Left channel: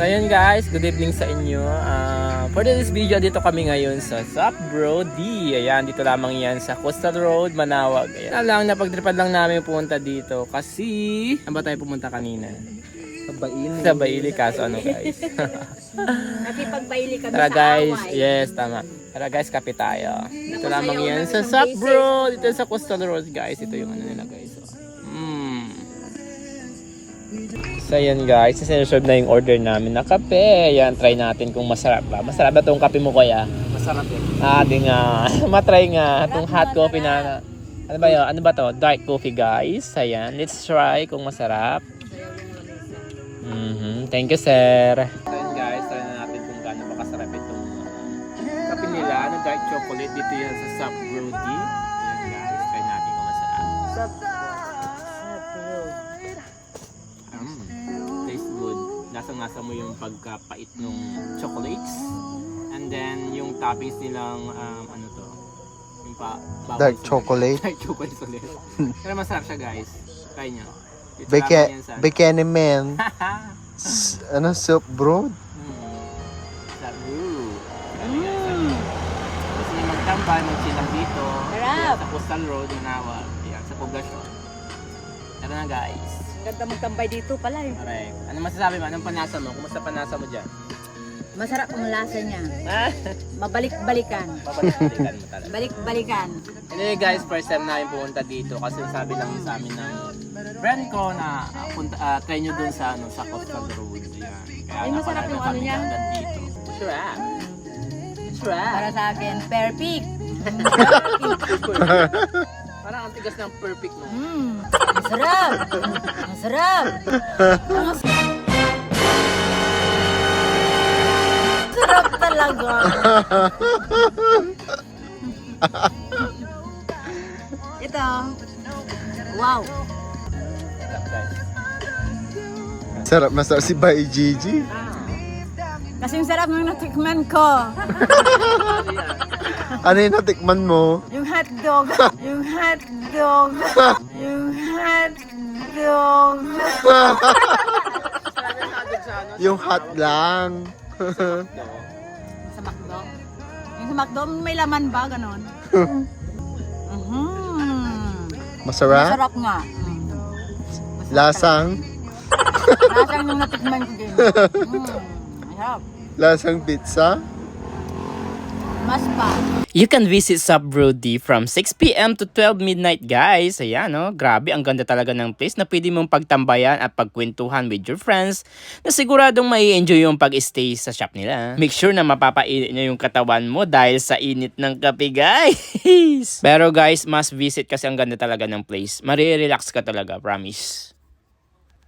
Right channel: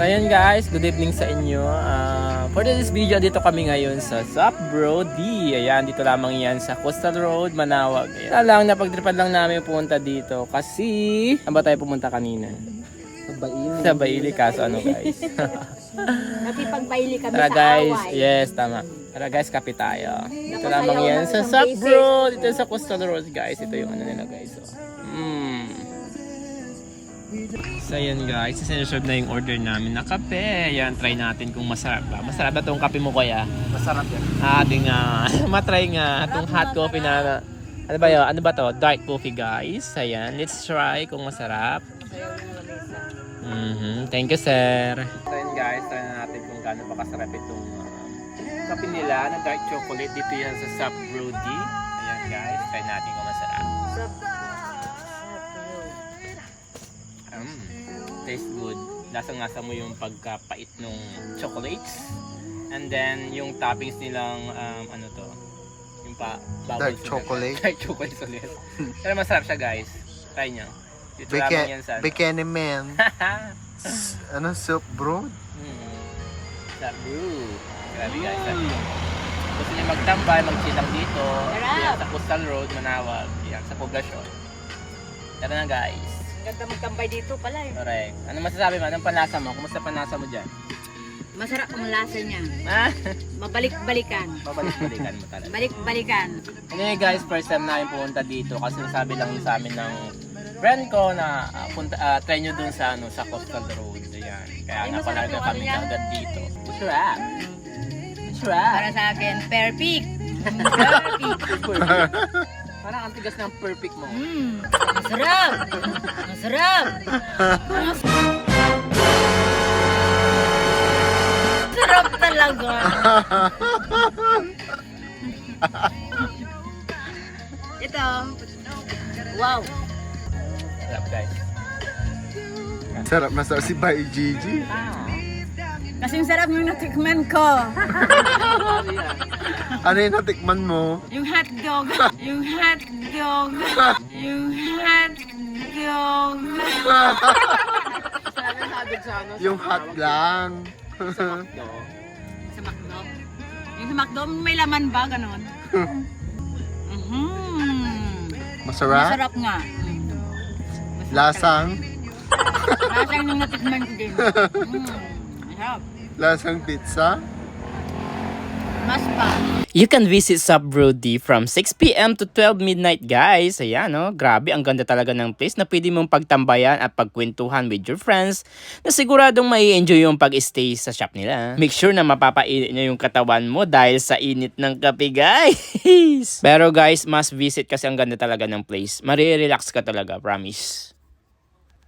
So ayan guys, good evening sa inyo. For this video, dito kami ngayon sa Sup Bro D. Ayan, dito lamang yan sa Coastal Road, Manawag. Ayan. Lang, napagtripan lang namin pumunta dito kasi saan ba tayo pumunta kanina? Sa Baili kaso ano guys. Nakipagbaili kami Tara sa guys, away. yes tama. Tara guys, kape tayo. Dito lamang yan sa Sup Bro, dito sa Coastal Road guys. Ito yung ano nila guys. So ayan guys, sineserve na yung order namin na kape. Ayan, try natin kung masarap ba. Masarap ba itong kape mo kuya? Masarap yan. Di nga. Matry nga itong hot coffee na ano ba yun? Ano ba to? Dark coffee guys. Ayan, let's try kung masarap. Thank you sir. So ayan guys, try na natin kung gaano ba kasarap itong kape nila na dark chocolate. Dito yan sa Sup Bro D. Ayan guys, try natin kung masarap. Taste good. Lasang-lasa mo yung pagkapait ng chocolates. And then yung toppings nilang ano to? Yung Dark chocolate. Dark chocolate ulit. Pero masarap siya guys. Try nyo. Dito lamang yan sa Bikini man. Ano, soup bro? Sup Bro. Grabe guys. Gusto nyo magtambay, mag-chill lang dito. Yan sa Coastal Road, Manawag. Yan sa poblasyon. Tara na guys. Ganda magtambay dito pala eh. Correct. Ano masasabi mo? Anong panlasa mo? Kumusta panlasa mo dyan? Masarap ang lasa niya. Mabalik-balikan. Babalik-balikan talaga. Balik-balikan. Anyway guys, first time namin pumunta dito kasi sabi lang sa amin ng friend ko na try nyo dun sa sa Coastal Road. Ayan. Kaya Ay, masarap napalaga yung kami ano niya. agad dito. Sarap. Para sa akin, perfect. Parang ang tigas ng perfect mo. Masarap. Masarap. Masarap talaga. Ito. Wow. Sarap guys. Masarap si Bay Gigi. Kasing sarap ng natikman ko. Ano yung natikman mo? Yung hotdog. Yung hotdog. Yung hotdog. Yung hot lang. Sa McDo. Yung sa McDo, may laman ba? Ganon. Masarap? Masarap nga. Lasang? Lasang nung natikman ko din. Masarap. Lasang pizza? Mas pa. You can visit Sup Bro D from 6 PM to 12 midnight guys. Ayan no, grabe ang ganda talaga ng place na pwede mong pagtambayan at pagkwentuhan with your friends na siguradong mai-enjoy yung pag-stay sa shop nila. Make sure na mapapainit nyo yung katawan mo dahil sa init ng kape guys. Pero guys, must visit kasi ang ganda talaga ng place. Marirelax ka talaga, promise.